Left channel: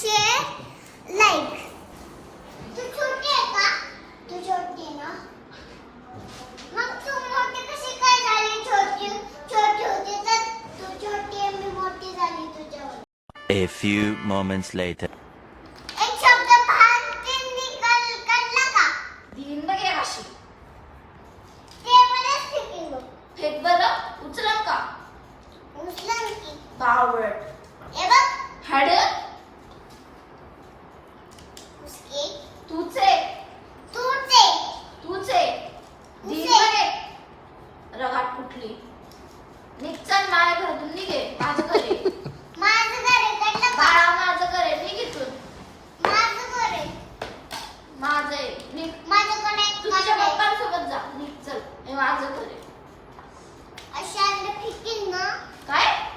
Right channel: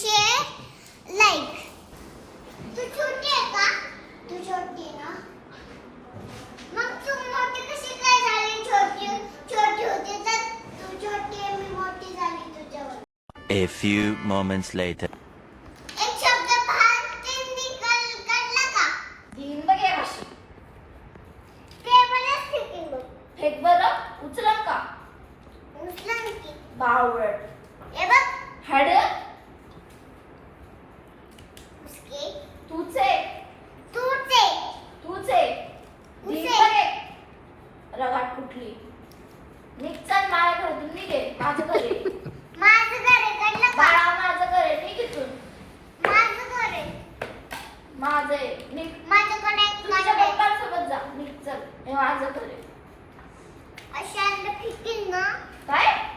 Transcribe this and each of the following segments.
share, like. तू छोटी आहे का? तू छोटी आहे ना? मग तू मोठी कशी काय झाली छोटी? छोटी होती तर तू छोटी आहे मी मोठी झाली तुझ्यावर. A few moments later. तुचे. तुचे. तुचे. दिवसाने रगाट फुटली. निघचल माझ्या घरातून निघे. माझं घरे माझं घरे कडलं बाळा माझं घरे निघ इथून. माझं घरे माझे निघ. माझ्याकडे तुझ्या पप्पांसोबत जा. निघ हे माझं घरे अशा फिकिन ना काय?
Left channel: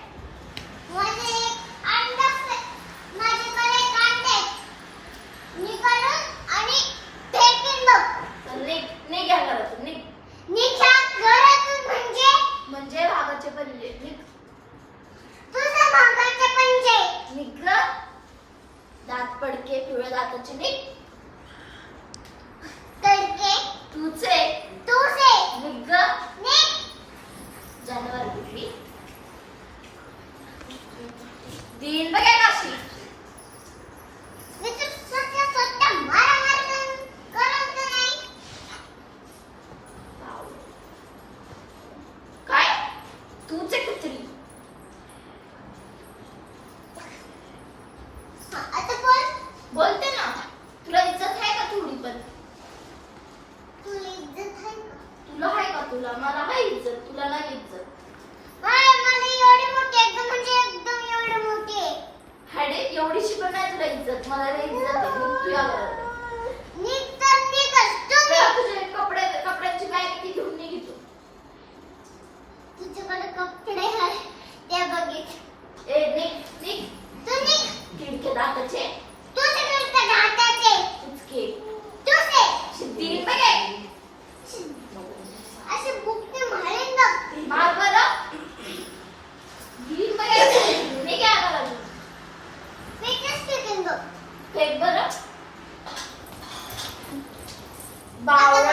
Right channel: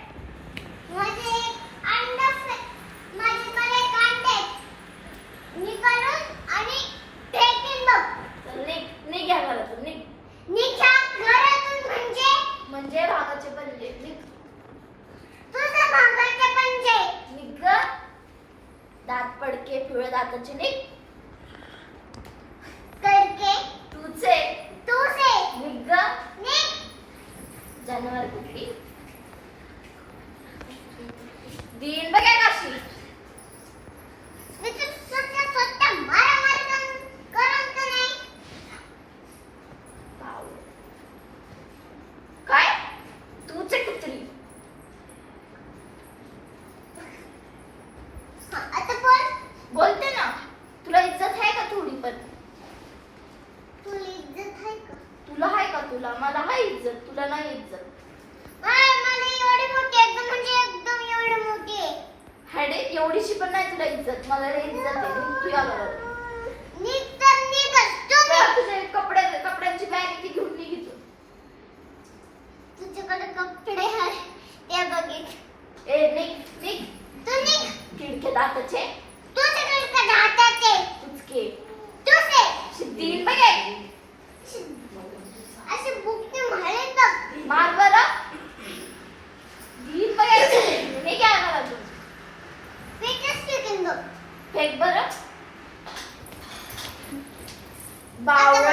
దాకా వచ్చింది. सोबत Bala.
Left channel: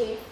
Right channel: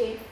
behave